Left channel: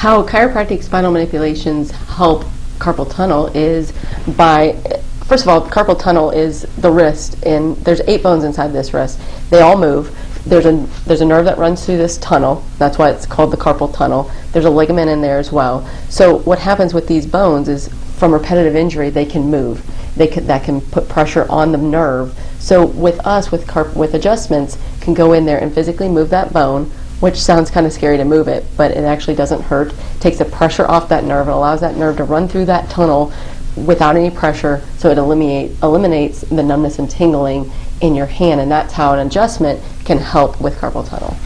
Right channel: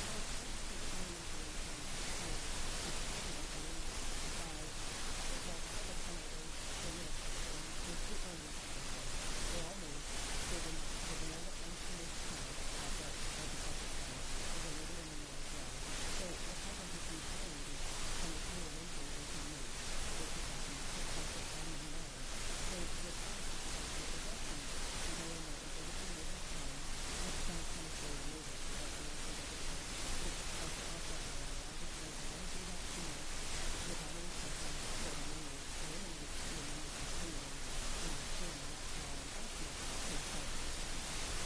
How chiropractic spinal manipulations help carpal tunnel is by, first of all, carpal tunnel is the wrist, and there's 8 bones inside this wrist. They all move. There's a nerve that runs through this tunnel. That's why it's called the carpal tunnel. There's a ligament in there as well. So what happens with these bones is, from repetitive injury, they can move. That can put pressure on the nerve. So with us, with adjustments, can go in there and physically move that bone, which sounds kind of scary to move it, but it actually doesn't hurt. Takes the pressure off that nerve and allows that nerve to run through that tunnel without any pressure, so it eliminates the numbness and tingling in your hand, and that's how an adjustment can help with carpal tunnel.